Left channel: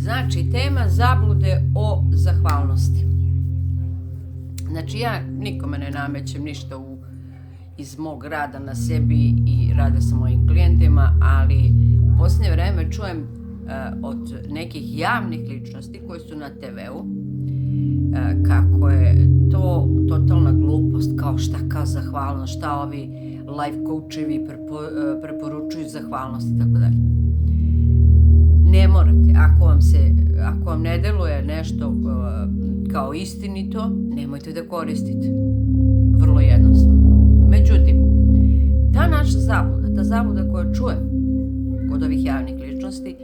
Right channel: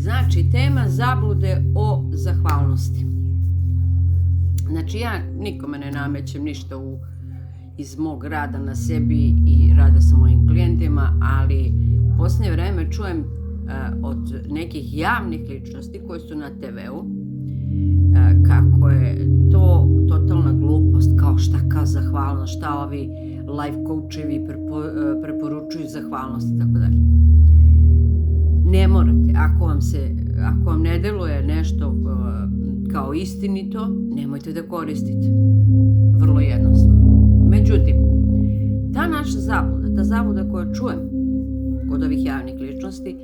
Znači, tema zablude o zahvalnosti. Znači, ja nikome ne namećem ništa iz mog rada na sebi i rada sa mojim klijentima, ali u posljednje vreme čujem od nekih javnih ličnosti koji su na TV-u kako je to totalna glupost, kao šta kao zahvalnost, šta ovi life coachevi preporučuju zahvalnost i tako dalje. Ne morate, ako vam ne deluje nešto kao istinito, nemojte da koristite. Vrlo jednostavno. Međutim, ta naša zabluda, ta zabluda koju čujem kod ovih javnih ličnosti,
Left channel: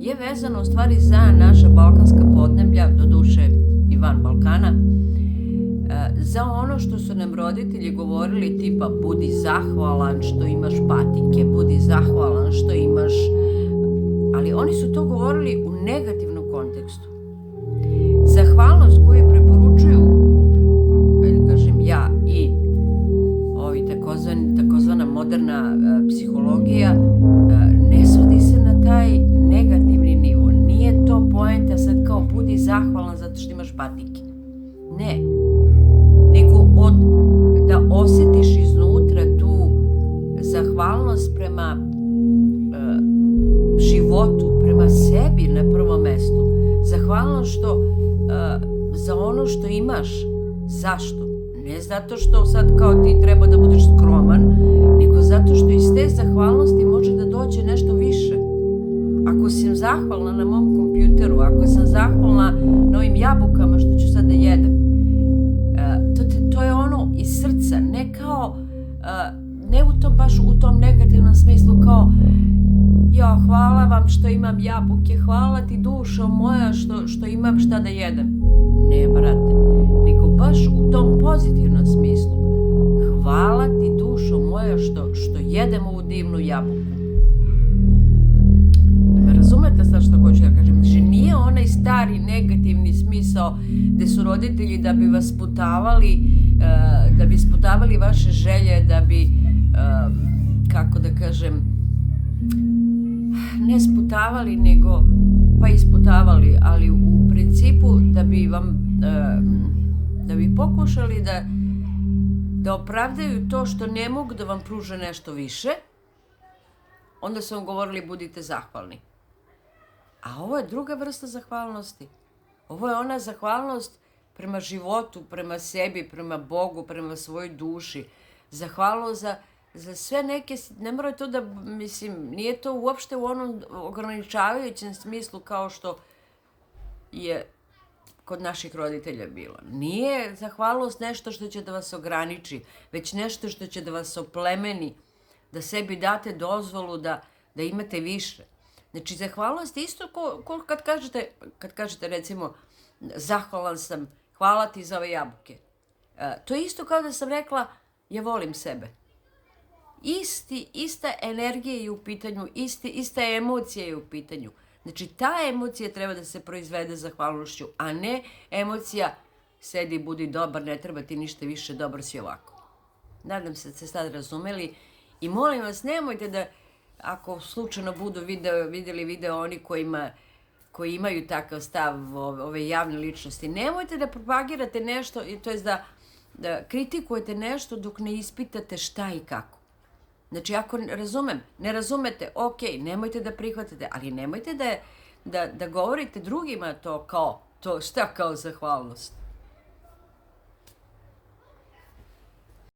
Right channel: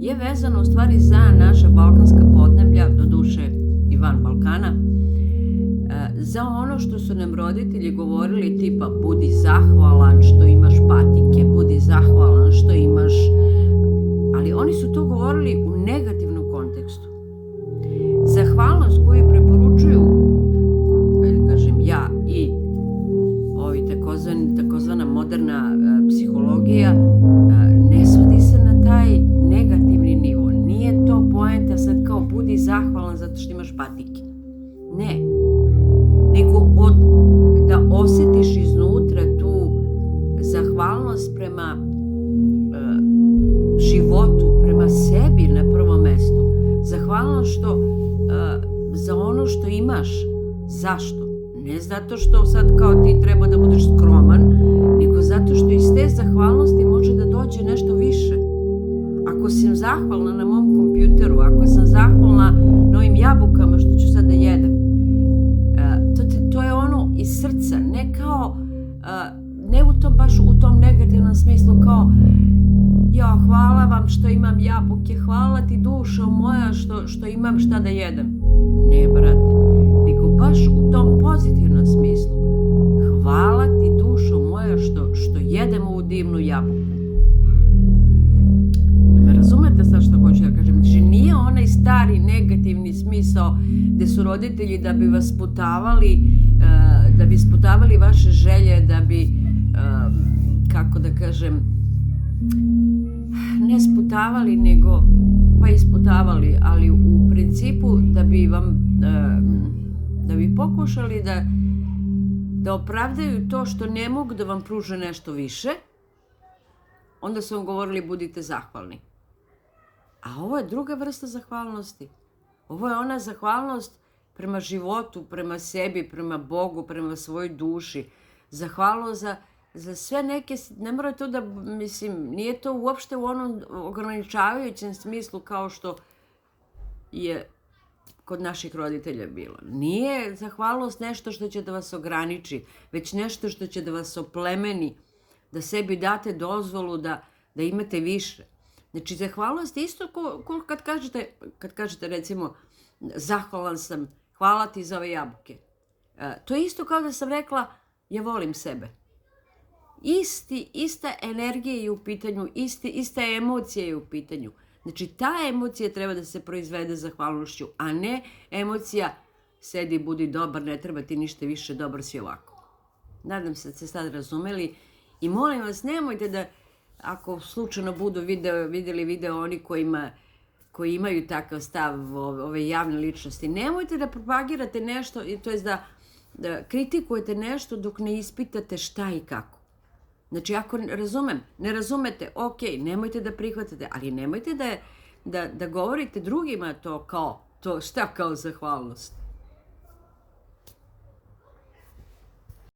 je vezana u stvari za naša balkanska podneblja, doduše i van Balkana, za ono što su nam roditelji govorili tipa budi zahvalan što imaš patike, budi zahvalan što imaš, ali oni su to govorili u negativnom kontekstu. Zahvalnost koju preporučuju, kažem ja i ovi takozvana moderna psihologija, ne svodi se na taj negativni nivo. Nije to poenta sad kao budi zahvalan zato što imaš patike. Ne. Nego da osjetiš iznutra tu zahvalnost prema životu, prema sebi na prvom mestu. Zahvalnost za ono što imaš. Zašto? Ne zato što sad kao ti treba da budeš skroman, nego zato što iz te zahvalnosti može da dođe nešto više. Ako sam zahvalna na mom kompjuteru, ako sam zahvalna na ovim jabukama što ću sad da jedem, to je ono iz srca, ne kao, ne baš u tom negativnom smislu kao ja, hvala vam što imam jabuke, hvala ti dušo moja što imam šta da jedem. Ne, brate, nego baš u tom pozitivnom smislu. Hvala ti dušo moja što jedem ovu divnu jabuku. Me razumete sad što hoću da kažem? Znači, nije onaj stari negativni smisao gde su roditelji da bi vas sputavali vaše želje, da bi, kako da kažem, ne sputavali, nego pa isputavali, ali u principu da bi pokušali da opravdaju to što ne mogu da vam pruže nešto više, onda su vam govorili budite zahvalni. A ovo je druga vrsta zahvalnosti. Ovo je ona zahvalnost prema životu, prema sebi, prema Bogu, prema svojoj duši. Zahvalnost za sve neke, ne mora to da, mislim, nije to uopšte u onom ograničavajućem smislu kao što je kod naših roditelja bilo. Nije zahvalnost nešto što će da vas ograniči, već nešto što će da vas oplemeni, da sebi date dozvolu da imate više. Znači, zahvalnost je isto kad kažete recimo zahvalan sam, hvala ti za ove jabuke. To je isto kao da sam rekla ja volim sebe. Ista energija je u pitanju, ista emocija je u pitanju. Znači, ta emocija treba da se proizvede zahvalnošću, a ne emocija sedi, budi dobar, ne treba ti ništa više, dobar si ovako. Nadam se da ste sad razumeli i molim vas, nemojte da, ako slučajno budu vidjeli video oni koji imaju takav stav, ove javne ličnosti, nemojte da propagirate nešto, to je da kritikujete nešto dok ne ispitate šta i kako. Znači, ako ne razumete, ok, nemojte da prihvatate, ali nemojte da govorite drugima to šta kao zahvalnost.